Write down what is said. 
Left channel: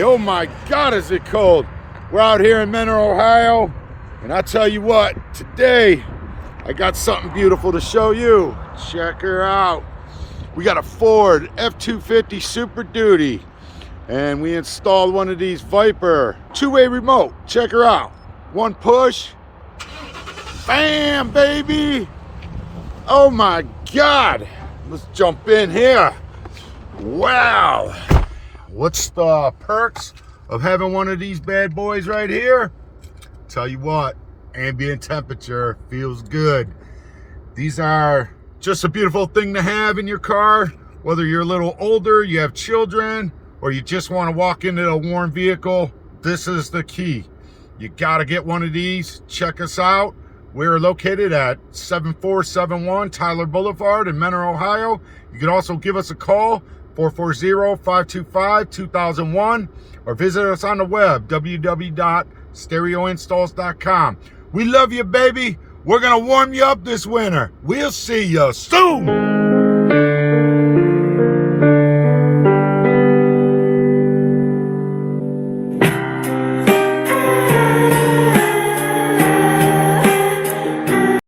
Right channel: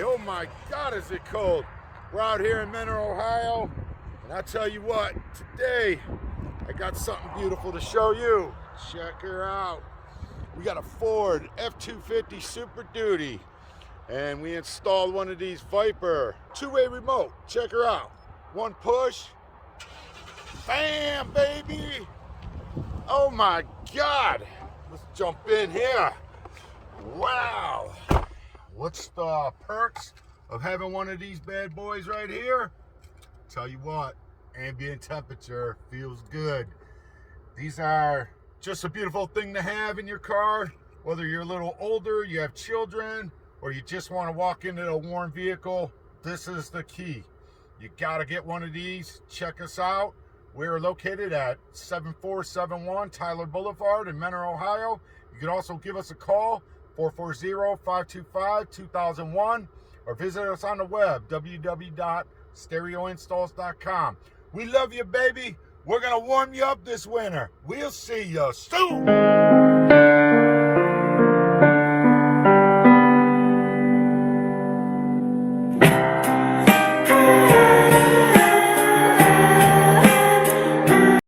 Oh my God, is it cold? We're out here in Mentor, Ohio, and I tell you what, today I got something beautiful to show you. Check her out. We got a Ford F-250 Super Duty, and we installed one of these Viper two-way remote. Check her out. One push, bam, baby. Oh my God. Let's jump in here. Wow. What's the perks of having one of these bad boys right here? Tell you what, ambient temperature feels good. These are just a beautiful thing to have in your car, whether you're a little older, you have children, or you just want to walk into a warm vehicle. This is the key. You got to get one of these. Check us out. We're located at 7471 Tyler Boulevard in Mentor, Ohio. You can also give us a call, 440-525-2001, or visit us on the web, www.stereoinstalls.com. We love you, baby. We're going to warm you up this winter. We'll see you soon.